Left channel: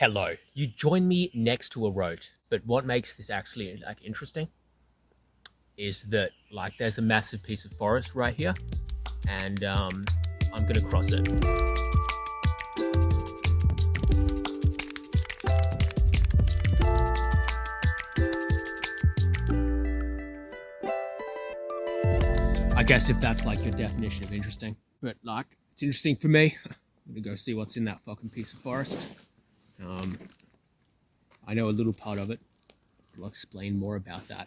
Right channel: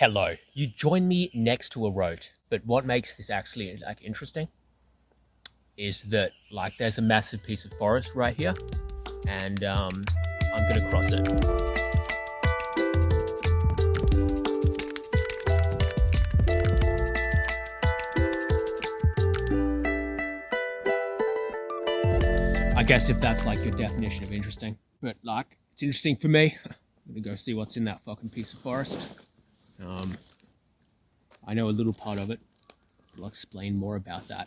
Hello, you join me next to a road, but what makes this actually like interesting is that like there's a massive piece of forest right here, and I'm gonna cross it. I guess if that's like your definition of interesting, but like it's interesting for me. I'm gonna go see what's in that fucking piece of forest. I know a little part of it. I'll explain more about that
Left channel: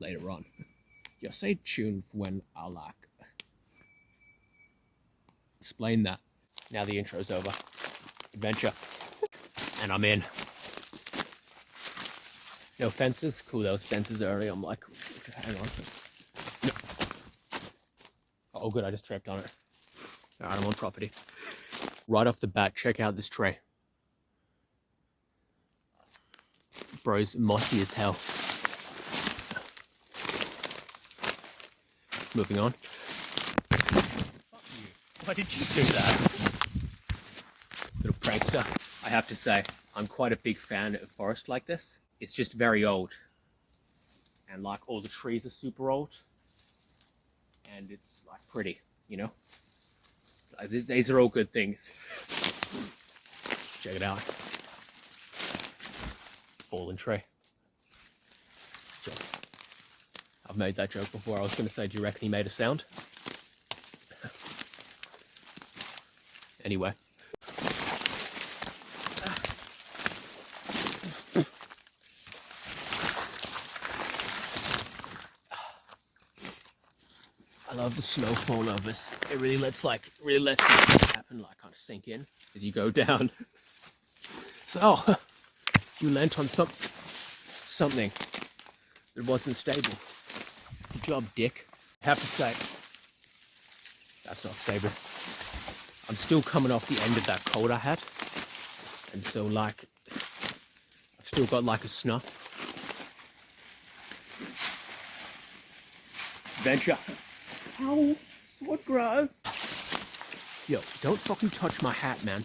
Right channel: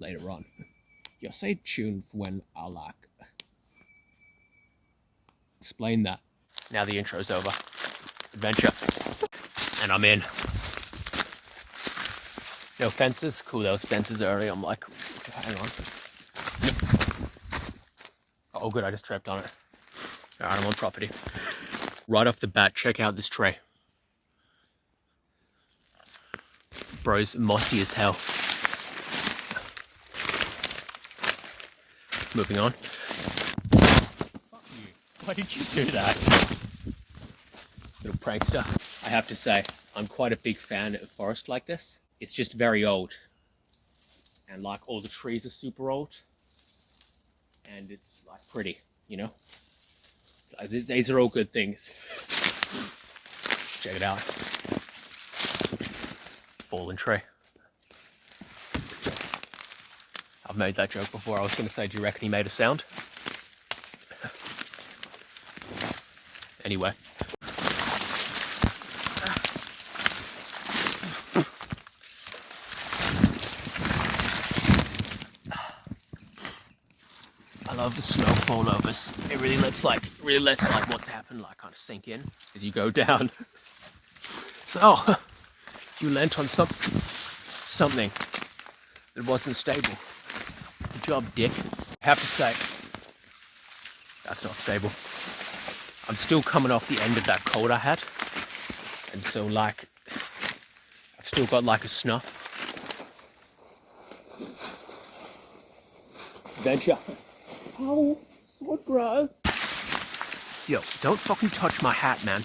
later on. Yeah, stay tuned for when I'll like explain that. Now the intro's over. Adventure. And I'm in. No fences. Cool, there was fences earlier. I'm like, hang on. Nope. Oh good, I just tripped on it. Alright, I'm on property. Right off the bat, check out this tree. Bro's mossy as hell. Moving on. Fuck you. Why did you do that? Little prankster. I have to say, I'm quite a big fan of forest like this. It's just very old. And like all the trees are super old. And it's like pretty, you know? Like, these are all good things. Check it out. Fallen tree. I've made that joke before. I was going to say, do you reckon he made a sound? Anyway. I love the snow fallovers. It really lets that happen, like kind of sink in as you go down. So, you lent on something that wasn't stable. Good job, dick. I have to say, that's not stable. I'm still coming off the end of that cold I had. And so like, I've still got like a snuff. Adventure. Ow, sword grass. Yo, don't fucking touch my hat, man.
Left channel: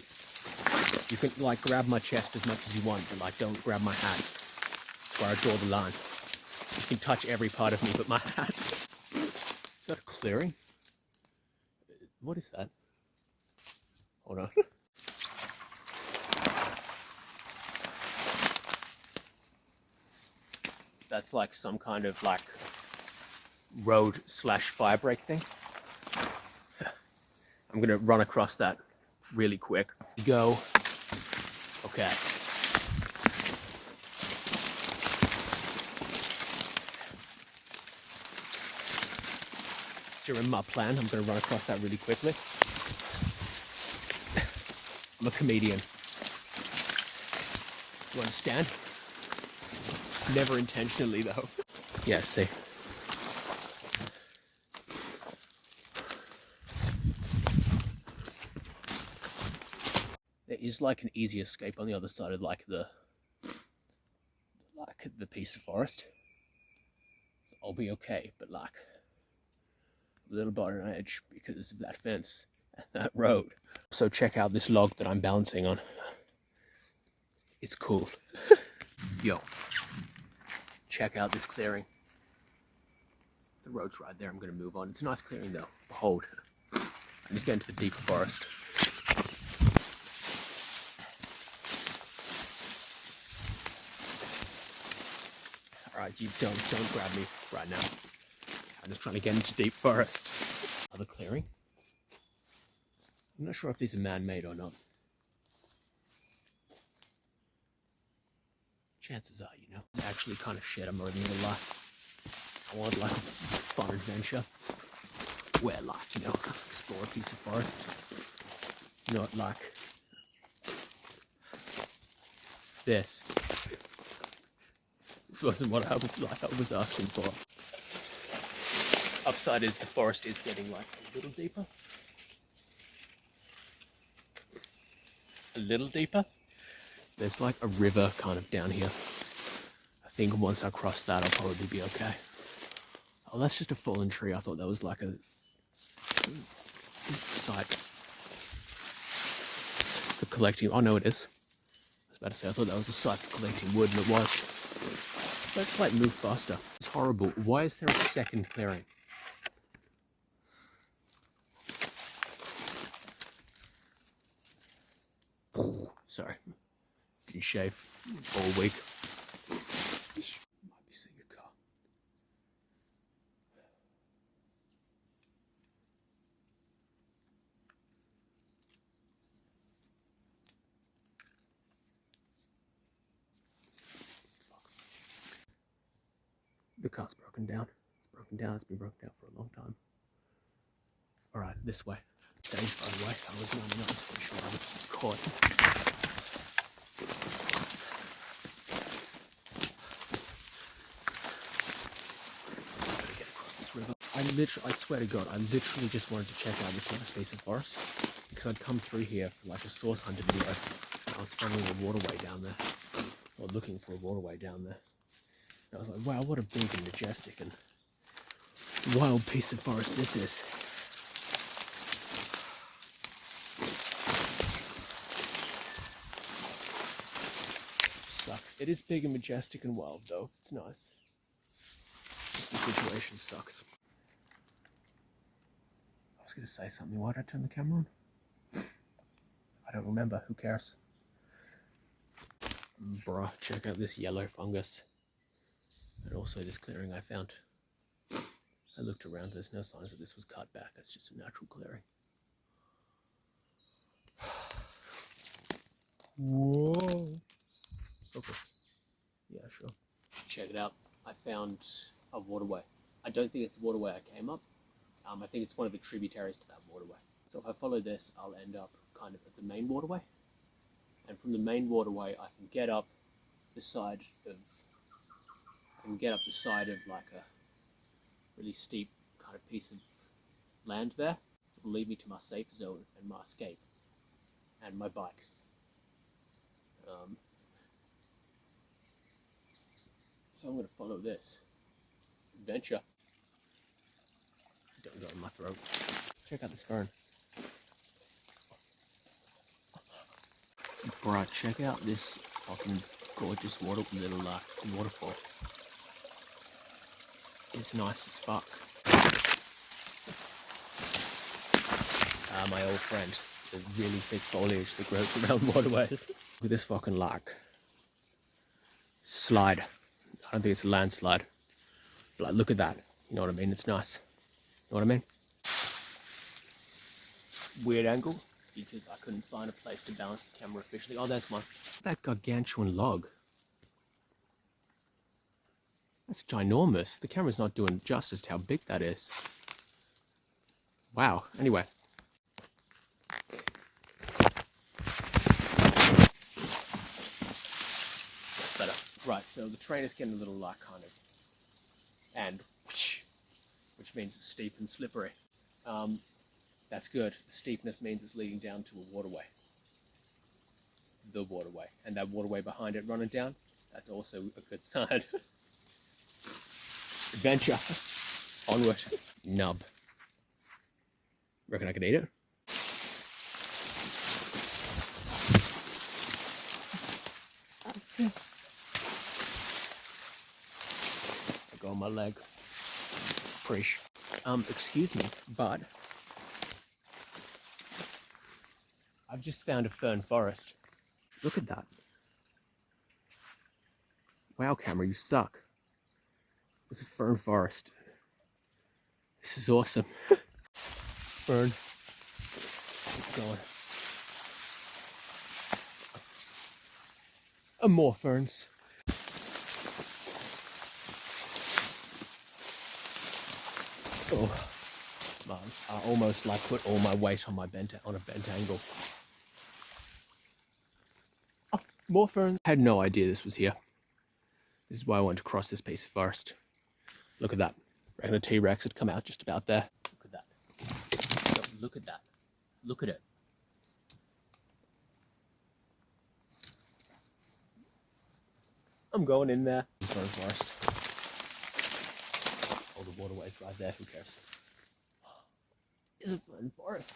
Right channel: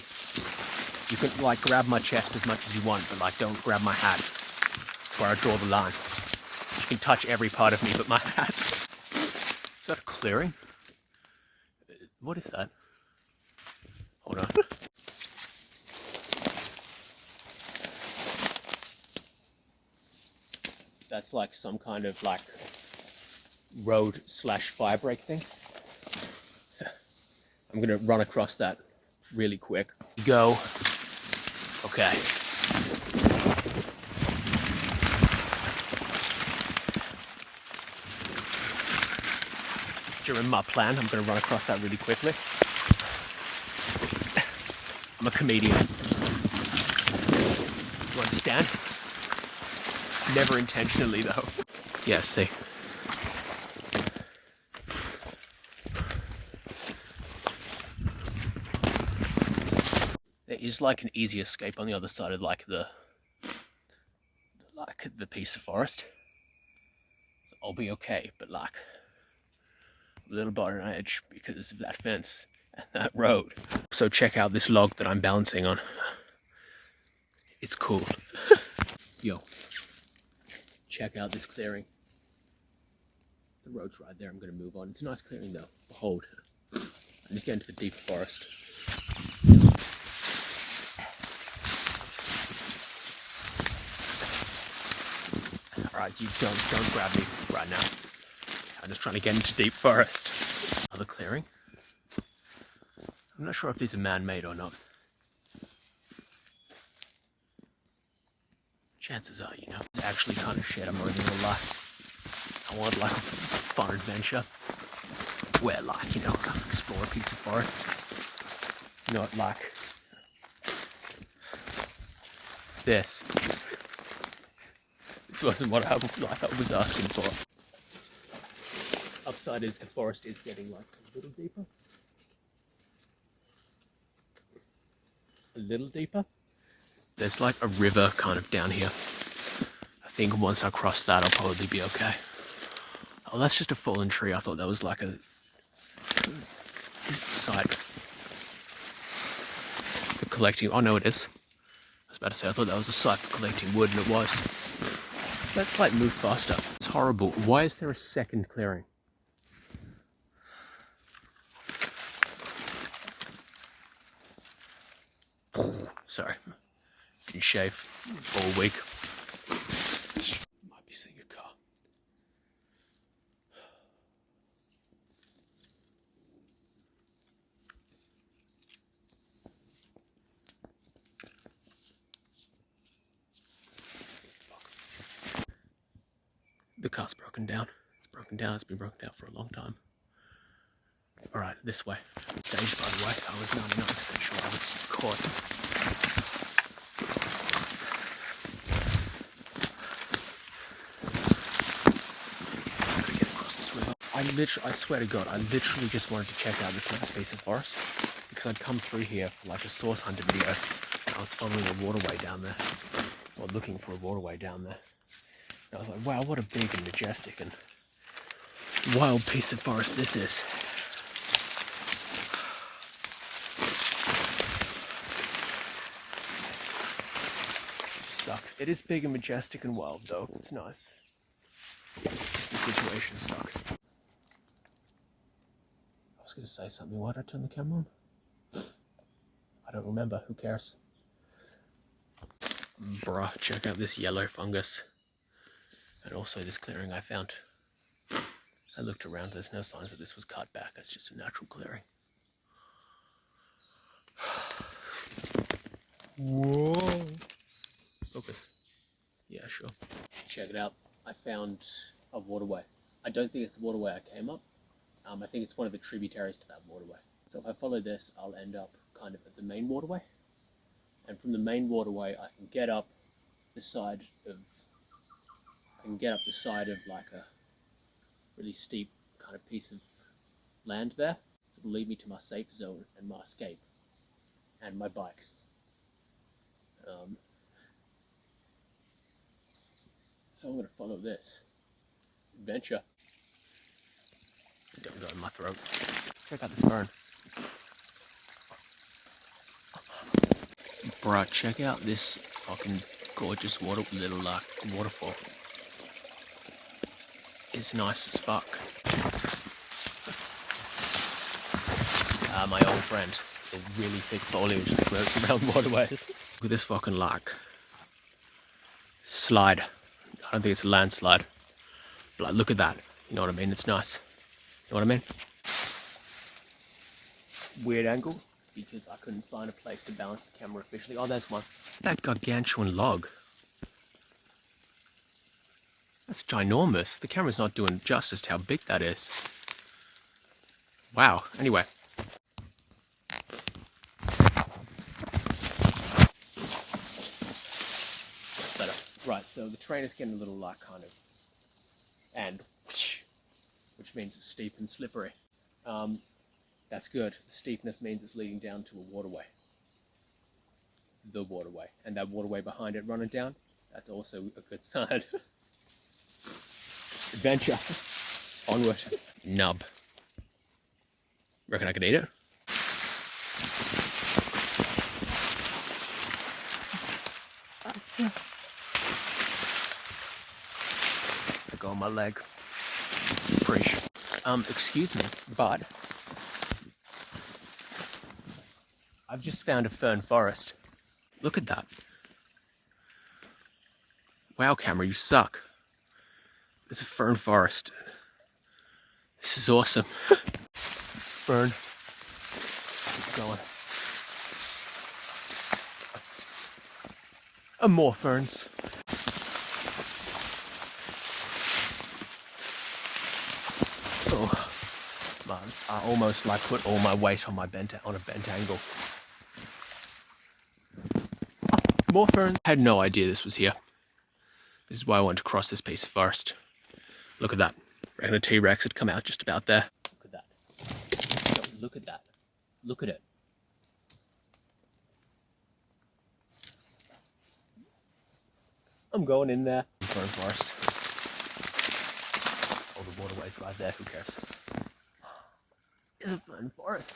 You can like grab my chest as much as you want, but like don't grab my hat. That's where I draw the line. You can touch every part of me but my hat. Is that a clearing? What is that? Hold on. That's like some kind of like road / fire break thing. I'm gonna run across that really quick. Go. Okay. During my plan, I'm gonna run across that really quickly. I'm a comedian. You understand? Never intentionally though. Yeah, see. There is like an easy escape on the other side of like the piece of forest. So I'll be okay, but like a little bit on edge because of that fence and that road. So check out this log that I'm balancing on. It's cool. Yo, check out this clearing. The road's right there. I'm gonna move on. It's a nice clearing though. Behold. I'm just getting to the deeper forest. Alright, you don't grab me right now. I'm just trying to get into deep forest. Another clearing? I'm not sure if these are man-made or not. Chances are, you know. It's actually kind of shit, I'm not even gonna lie. I want like a fun adventure. Where like, you know, explore a piece of forest. Not like this. This wasn't what I was asking for. Upside is the forest is getting like a little deeper. A little deeper. There's like a river kind of down here. I think once I cross that I'll probably be okay. Oh, that's just a fallen tree. I thought that was like a site for collecting. Oh no, it is. about to say, I thought that was a site for collecting wood, and it was. Let's like move faster. It's horrible. Why is there a second clearing? Sorry, didn't shave all week. Might be seeing a car. The car's broken down. It's broken down. It's been broken down for a long time. All right, this way. Stage, by the way. I was 99% sure I was caught. Gotta get across this river. I swear to God, I literally just wanted to check out this last piece of forest because I'd come through here for like a source hunter video. I was following a waterway down there, or looking for a waterway down there. And I was like, wow, what a big and majestic and wild piece of forest this is. Sucks. It is big and majestic and wild though. It's nice. Just the situation sucks. I was going to say something. Why did I turn the camera on? I don't remember. Who cares? Bruh, check out this yellow fungus. And also this clearing I found. I looked around. There's no signs that this was cut back. It's just a natural clearing. Whoa. Focus. Yeah, sure. Check it out. I found a waterway. I don't think it's the waterway I came up. I think it's one of the tributaries to that waterway. So if I follow this, I'll end up kind of at the main waterway. And from the main waterway, I can get up the side of like a really steep kind of piece of land there. It will lead me to my safe zone and my escape and my bike. So I'm going to follow this adventure. Don't go in my throat. Check out this fern. Bruh, check out this fucking gorgeous little waterfall. It's nice as fuck. My old friend. There's really thick foliage that grows around waterways. Look at this fucking slide. I don't think it's a landslide. But like, look at that. You know what I mean? It's nice. You know what I mean? Weird angle, because I couldn't find a place to balance the camera efficiently. Oh, there's one. That gargantuan log. That's ginormous. The camera's not doing justice to how big that is. Wow. Anyway. That's better. Right, so the train is getting a little like kind of, and which means it's steep and slippery. That's good. The steepness means it's leading down to a waterway. The waterway. And that waterway behind it running down, that's also a good sign. Adventure. Onward. Nub. Reckon I could eat it? I go on my leg. Preach. Excuse me, but I've just found a fern forest. Look at that. Wow, camera, you suck. There's a fern forest. This is awesome. Fern. Keep going. And more ferns. Oh, man, I almost like put all my weight on a bent angle. Oh, more ferns. I had no idea this was here. This is why I wanted to cross this piece first. Look at that. I reckon a T-Rex had come out just about there. Look at that. Yo, look at that. Look at it. I'm going in there. Fern forest. All the waterways right there, who cares? It's a fern forest.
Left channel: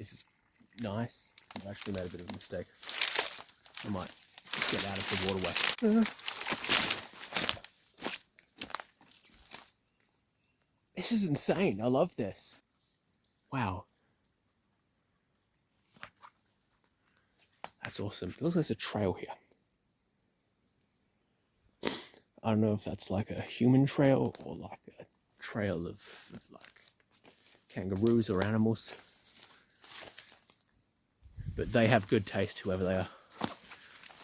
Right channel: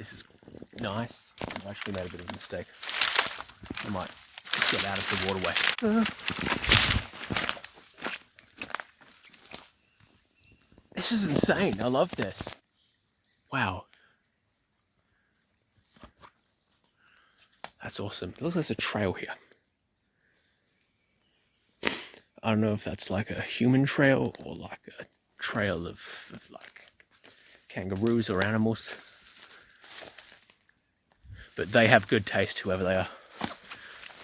This is nice. I've actually made a bit of a mistake. I might get out of the waterway. This is insane. I love this. Wow. That's awesome. It looks like there's a trail here. I don't know if that's like a human trail or like a trail of like kangaroos or animals. But they have good taste, whoever they are.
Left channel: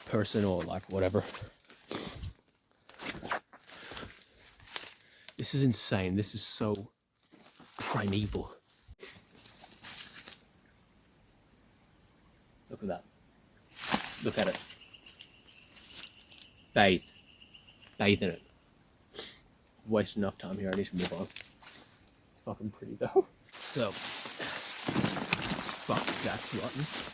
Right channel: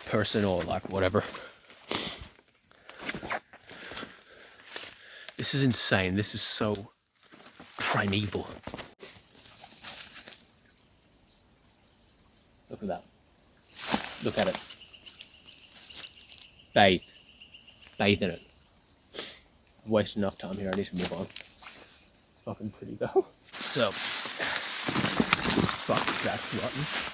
Person or like whatever. This is insane. This is so primeval. Look at that. Look at it. Bathe. Bathe in it. I've wasted enough time here. I need to move on. It's fucking pretty though. So, fuck, that's rotten.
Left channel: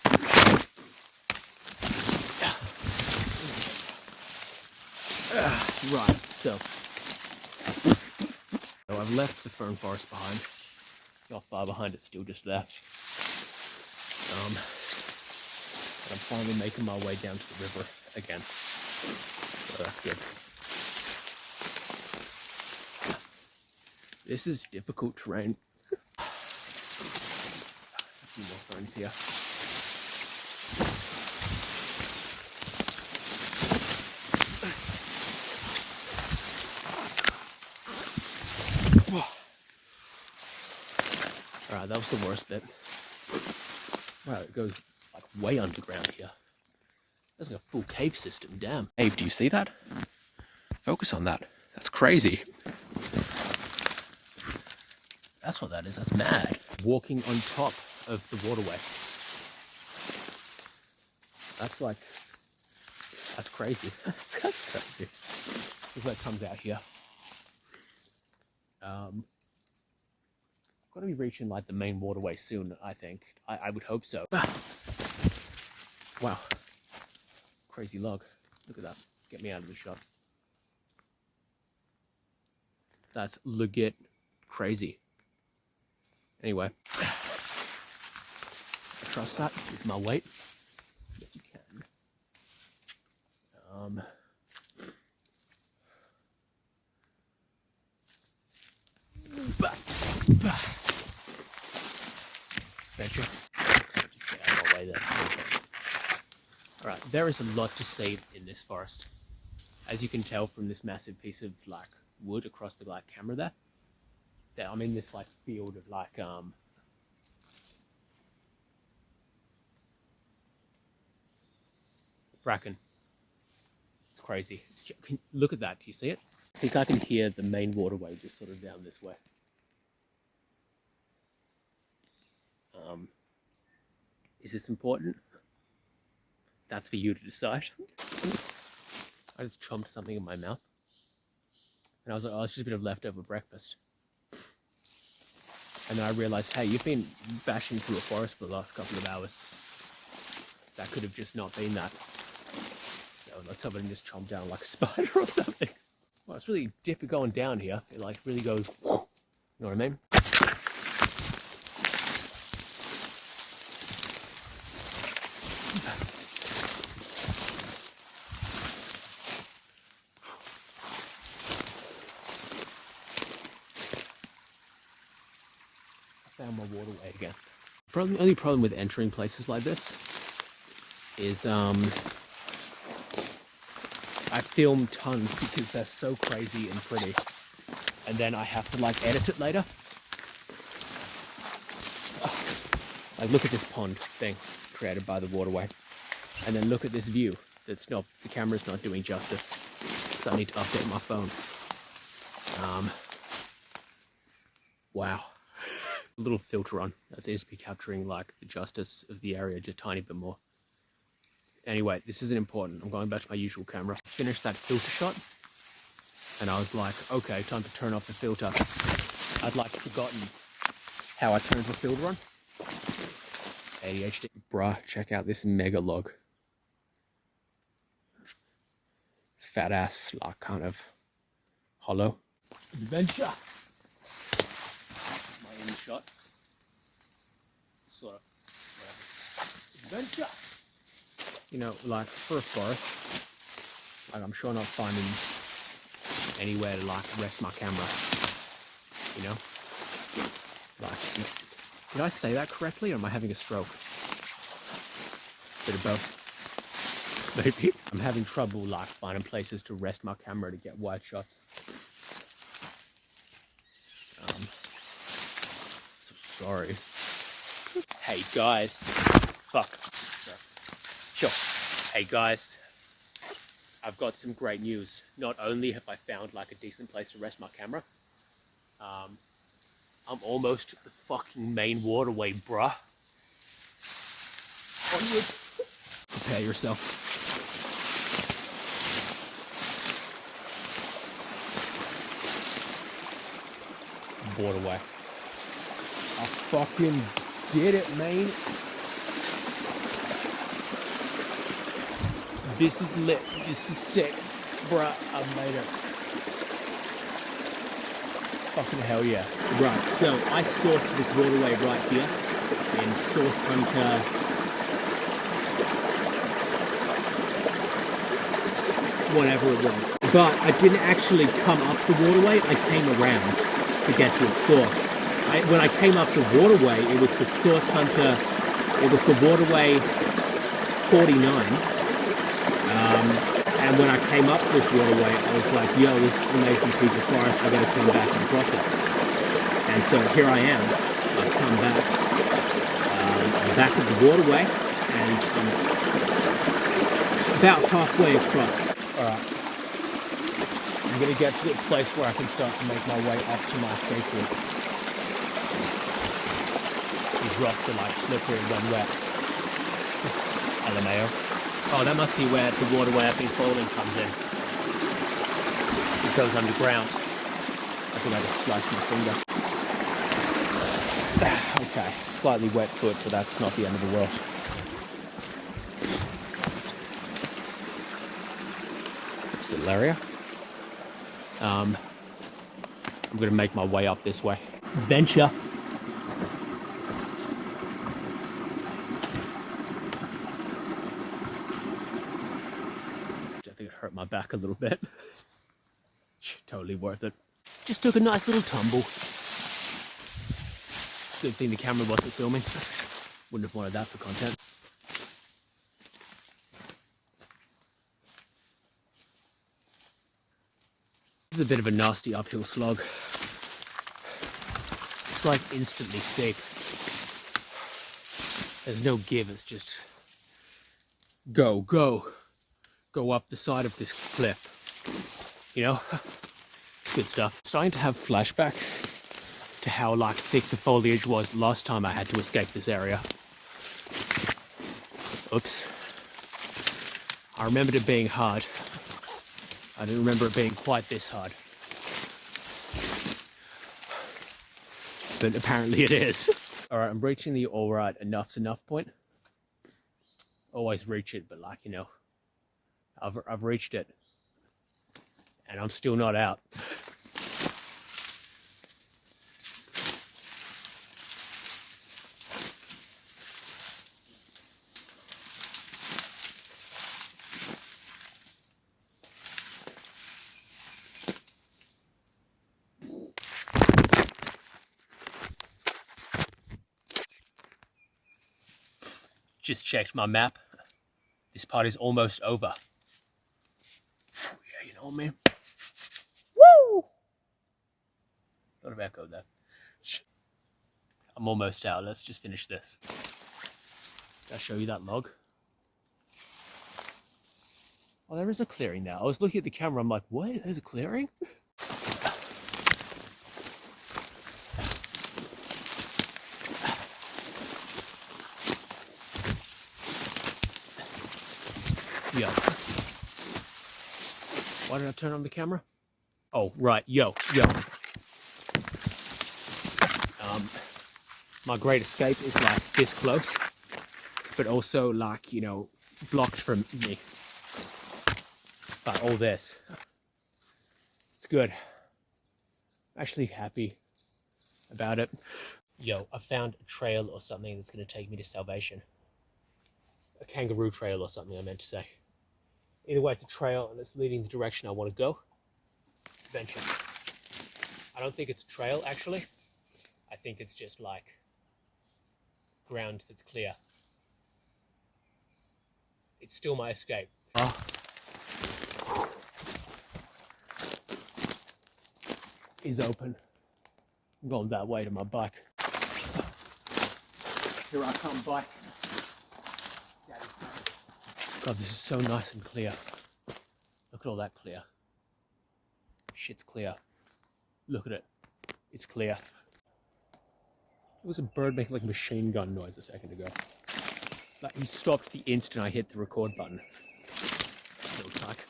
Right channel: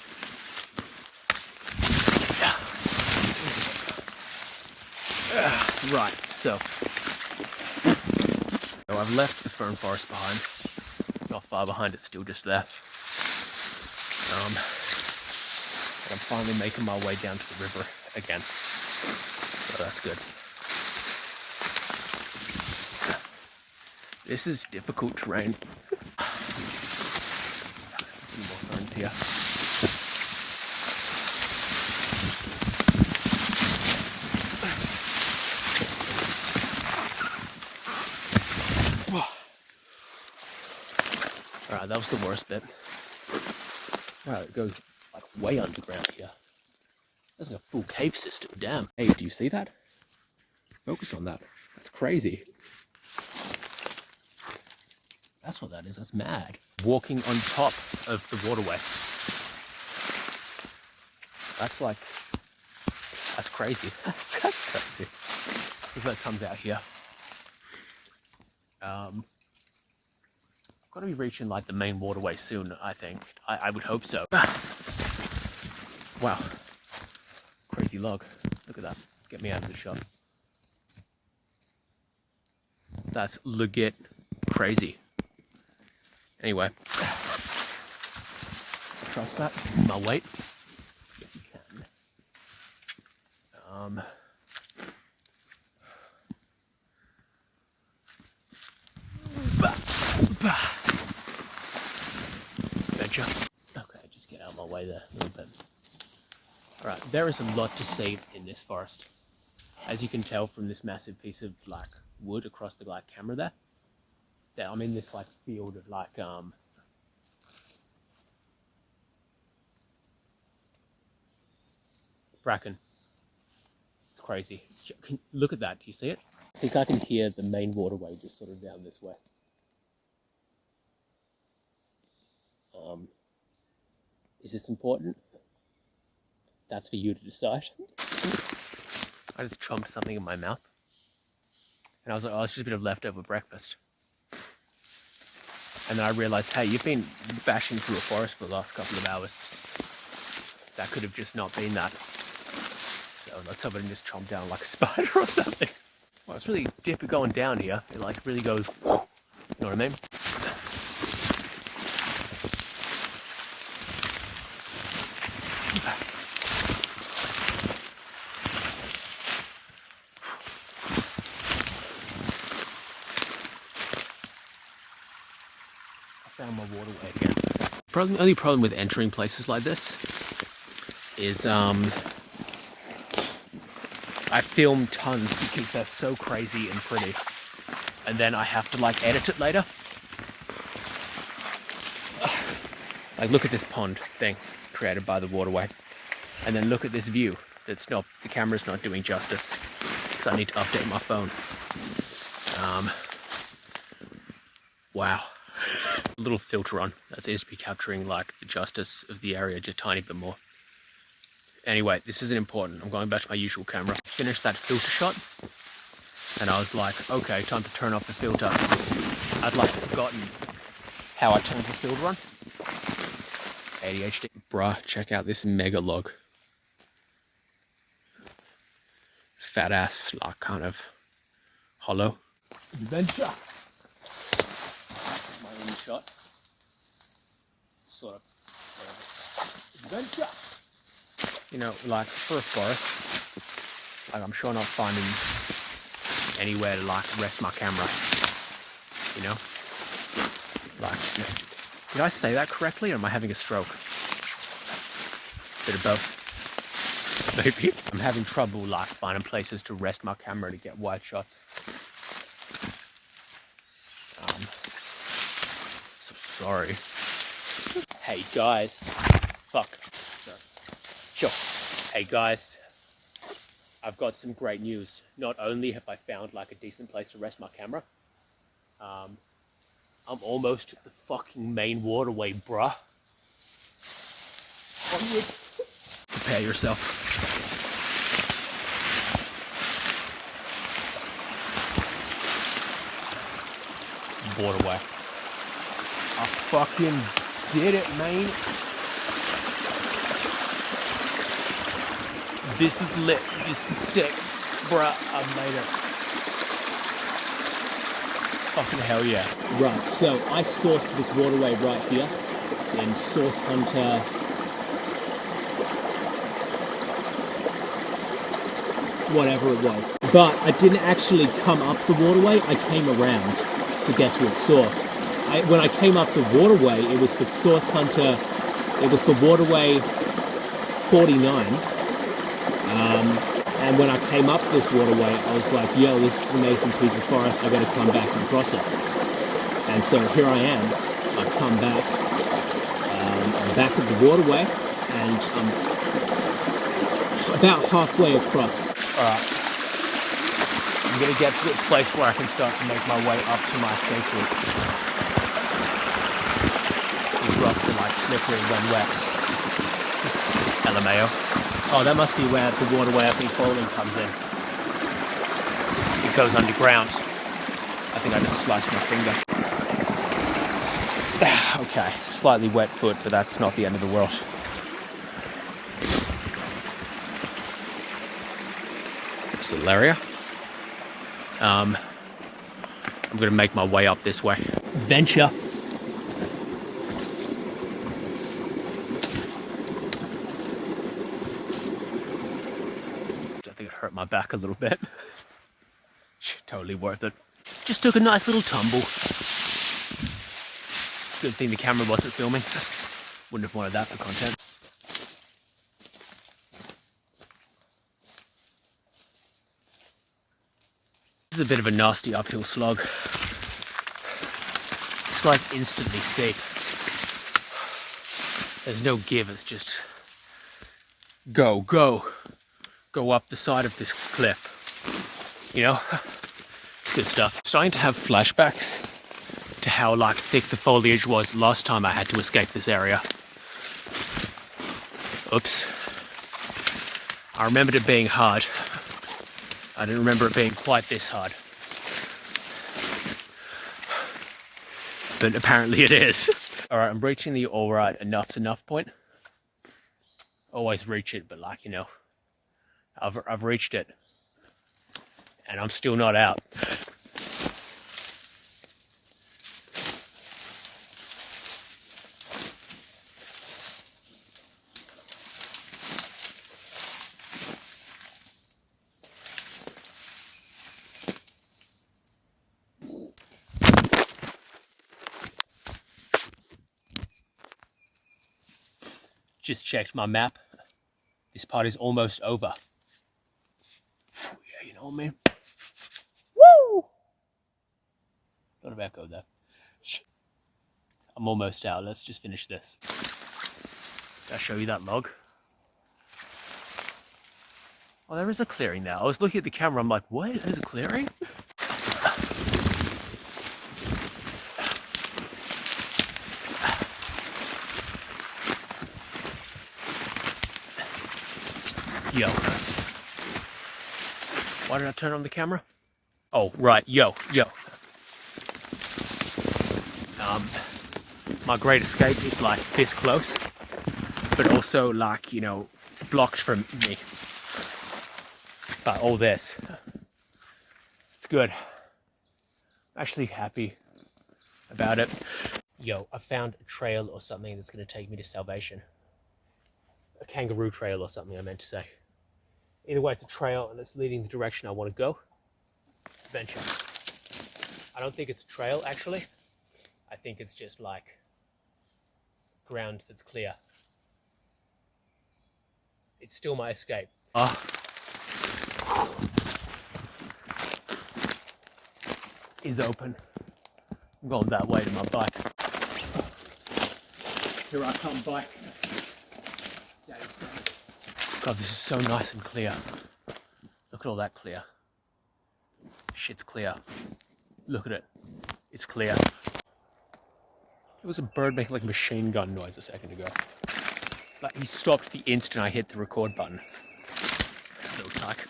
Right, so I've left the fern forest behind. Not far behind, it's still just there. And I'm finally making my way down to the river again. So that's good. This is difficult terrain. A few more ferns here. Alright, that was the worst bit. Oh, it goes like way underground here. That's like a full cave system, damn. Hey, do you see that? Focus on that. That's crazy. That's what that is, that's mad. Walking on top of the waterway. That's like, that's crazy. That's crazy. If that comes out here. Got to be reaching like the main waterway soon, I think. I would hope so. Wow. Crazy log. Look at that. Get me out of the shot. That's legit crazy. Anyway. Trust that. My weight. If you can. Adventure. Just get out of my way there. Alright, there is a lot to see in this forest. As you can tell from this massive piece of like wood across the like camera there. That I'm in this like field of like bracken. It's crazy. Look at that, do you see it? I think I can hear the main waterway just sort of down this way. Is this important? That's for you to decide. I just chomped something in my mouth. And I was like, oh, it's just a bit of leftover breakfast. And then I realized, hey, you've been bashing through a forest for the last couple of hours. That could have just not been that. So let's hope I didn't just chomp down like a spider or something. Well, it's really dippy going down here. It like really goes, you know what I mean? Found my waterway again. Probably the only problem with entering places like this is I film tons because they're so crazy and pretty, and then I have to like edit it later. Like look at this pond thing created by the waterway, and then look at this view that's not, the camera's not doing justice, so I need to update my phone. Wow. A little filter on. That seems to be capturing like the justice of the area just a tiny bit more. Anyway, this isn't important. I'm going back to my usual camera. Finished that filter shot, and I was like, okay, time to turn off the filter. I'd like forgotten how I turned the filter on. ADHD. Bruh, check out this mega log. Fat ass, like kind of hollow. Adventure. My own shot. Sort of adventure. You know, like for a forest, like I'm sure not finding anywhere to like rest my camera. You know, like, did I say that correctly, or am I having a stroke? Bit of both. Maybe. I'm having trouble like finding places to rest my camera to get wide shots. So sorry. Hey guys. Fuck. Sure. Hey guys. I've got some great news. Not only have I found like a decent place to rest my camera, I'm almost at the fucking main waterway, bruh. Onward. Prepare yourself. Waterway. I fucking did it, man. This is lit. This is sick. Bruh, I made it. Fucking hell yeah. Right, so I sourced this waterway right here in Source Hunter. Whatever it was. But I didn't actually come up the waterway, I came around to get to its source. When I came up the waterway, it was for Source Hunter, it was for waterway 49. And when I came up this waterway, I was like, yo, this is an amazing piece of forest, I gotta come back and cross it. And so here I am, I've come back, I'm back at the waterway, and I'm about halfway across. Alright, I'm gonna get to a place where I can start to make my way up to my escape route. These rocks are like slippery when wet. LMAO. Oh, that must be where the waterway I've been following comes in. It goes underground. I think I just sliced my finger. Okay, slightly wet foot, but that's not the end of the world. This is Ilaria. I'm gonna make my way up this way. Venture. I think it hurt my back a little bit. Totally worth it. Just took a nice little tumble. Good thing the camera wasn't filming. Wouldn't have wanted that for content. This is a bit of a nasty uphill slog. It's like instantly steep. There's no give, it's just go, go, go up the side of this cliff. You know? It's good stuff. Starting to have flashbacks to how like thick the foliage was last time I had to escape this area. Oops. I remembered it being hard. I didn't remember it being quite this hard. But apparently it is. Alright, I'm reaching the alright enough's enough point. Always reach it, but like, you know, I've reached it. And I'm still not out. Just checked my map. This part is almost over. Yeah, you know what I mean? Woo! Lot of echo there. I'm almost out. Let's just finish this. Did I show you that log? Oh, there is a clearing there. I was looking at the camera. I'm like, what? There's a clearing? Yo. Why did I turn on the camera? Oh, right. Yo. My great escape is like this close, but also like, you know, blocked from me by all this. It's good. I'm actually happy about it. Yo, I found a trail or something that's going to take me to salvation. a kangaroo trail or something, I meant to say. Either way, it's a trail and it's leading the direction I want to go. Venture. I don't think it's a trail, actually. I think it's just like ground that's clear. It's still my escape. Is open. I'm going that way to my bike. Here I come, bike. God, this is so nice and clear. Look at all that clear. Shit's clear. Look at it. It's clear. There was a bird making like a machine gun noise a second ago. Like he stopped the instant I hit the record button. Looks like.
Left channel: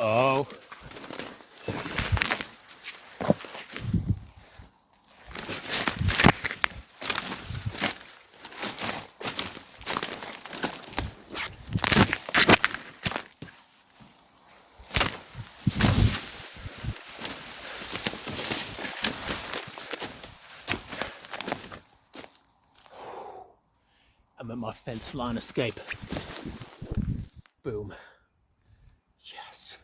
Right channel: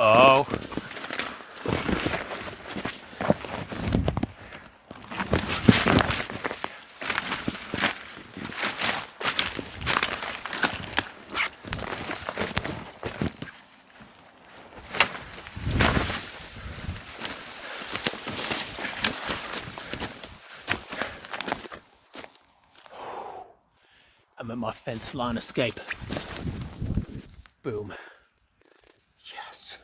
Oh. I'm at my fence line escape. Boom. Yes.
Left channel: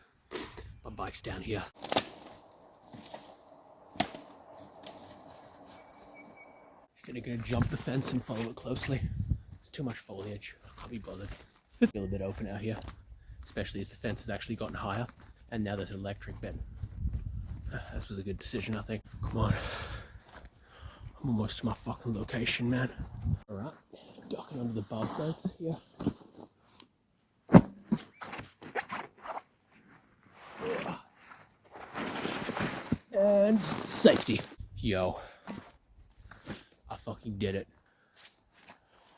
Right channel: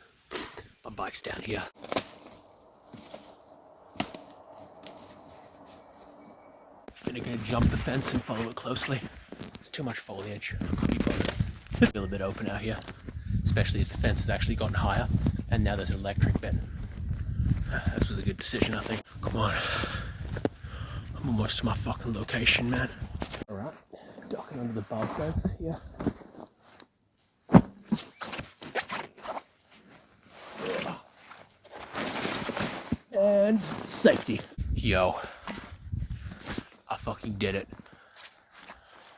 My bike's down here. Finna gonna jump the fence and follow it closely. There's too much foliage. I can't be bothered. Feel a bit open out here, especially as the fence has actually gotten higher, and now there's an electric bit. This was a good decision, I think. Come on. I'm almost to my fucking location, man. Alright, ducking under the barbed fence here. And safety. Yo. I fucking did it.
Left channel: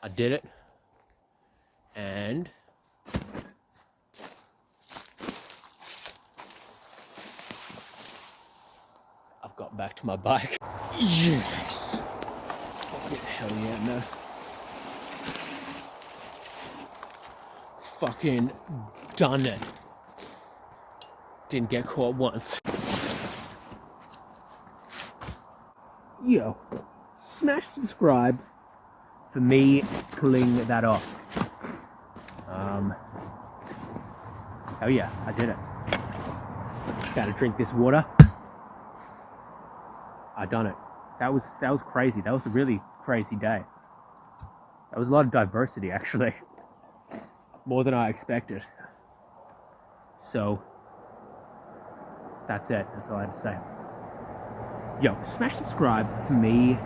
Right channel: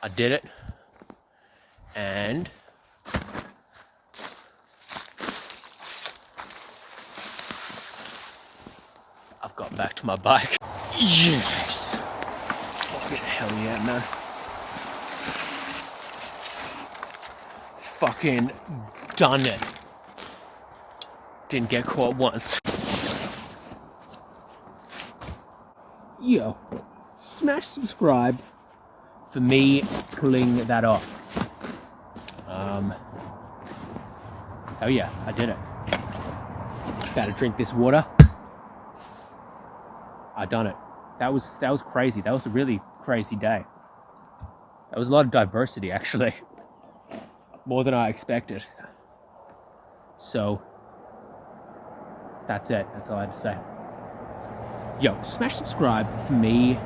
I did it. And I've got back to my bike. Yes. Fucking hell yeah, man. Fucking done it. Didn't get caught once. Yo, smash subscribe for me pulling that off. Hell yeah, I did it. Gotta drink this water. I done it. That was crazy. That was a really crazy day. That was a lot of diversity, actually. More than I expected. So, that's it. That's all I had to say. Yo, smash subscribe for me